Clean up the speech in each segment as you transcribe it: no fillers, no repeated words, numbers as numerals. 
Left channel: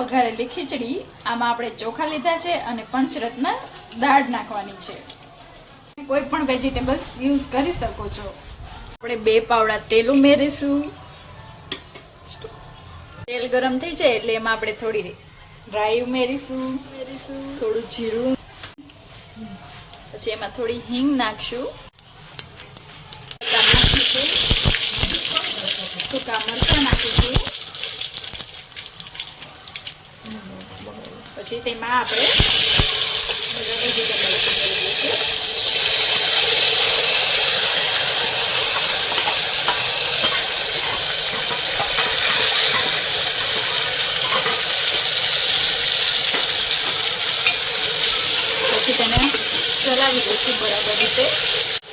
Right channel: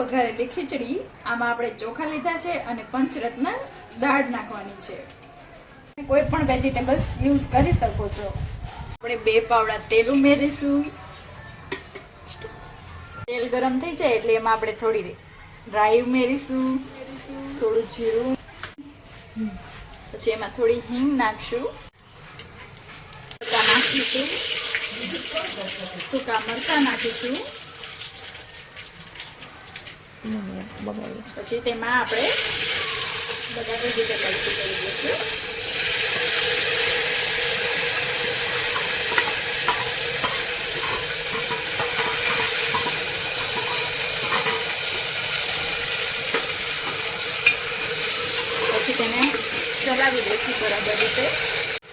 વઘારેલી ખીચડી. આમાં આપણે ચોખા લીધા છે અને પંચરત્ન દાળ નાખવાની છે. કોઈ પણ વેજીટેબલ્સ યુઝ કરી શકો છો. આપણે 2 પાવડા તેલ ઉમેરીશું. તેલ ગરમ થઈ જાય એટલે એમાં આપણે થોડી રાઈ ઉમેરીશું, થોડું જીરું, પછી એમાં થોડી હિંગ નાખશું, નાખીશું, સૂકા મરચાં નાખીશું, પછી તેમાં આપણે બધા વેજીટેબલ્સ ઉમેરી દઈશું. તેને ચલાવી દઈશું બરાબર રીતે.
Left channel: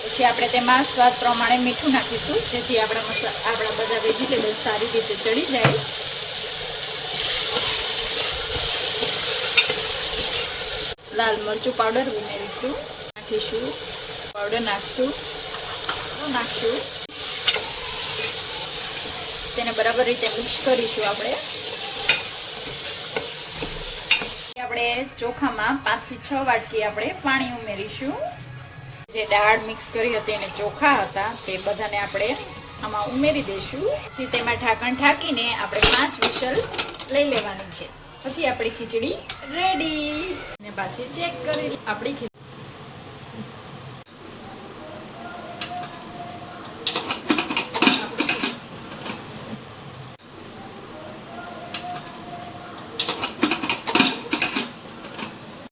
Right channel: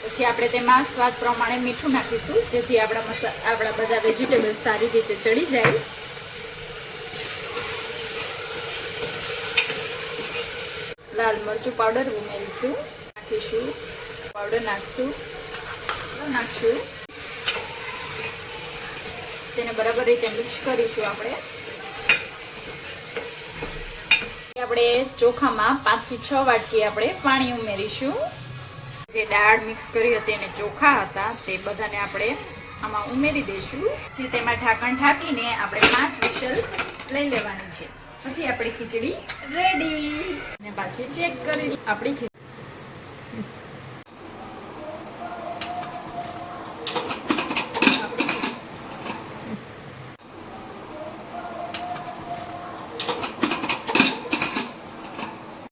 પછી આપણે તેમાં સ્વાદ પ્રમાણે મીઠું નાખીશું, જેથી આપણા બધા વેજીટેબલ્સ સારી રીતે ચડી જાય. લાલ મરચું પાવડર ઉમેરીશું, નાખીશું, પાવડર નાખશું, તેને બરાબર રીતે મિક્સ કરીશું. આપણે ચોખામાં 5 થી 6 વાટકી આપણે પાણી ઉમેરીશું. જે દાળ મિક્સ કરી હતી અને ચોખા હતા તે બધાને આપણે આમાં ઉમેરી દઈશું. પછી તેમાં ઢાંકણ ઢાંકીને આપણે 5 વિસલ લઈ લેવાની છે. પછી આપણી ખીચડી રેડી. અને પાછી ચેક કરી આપણી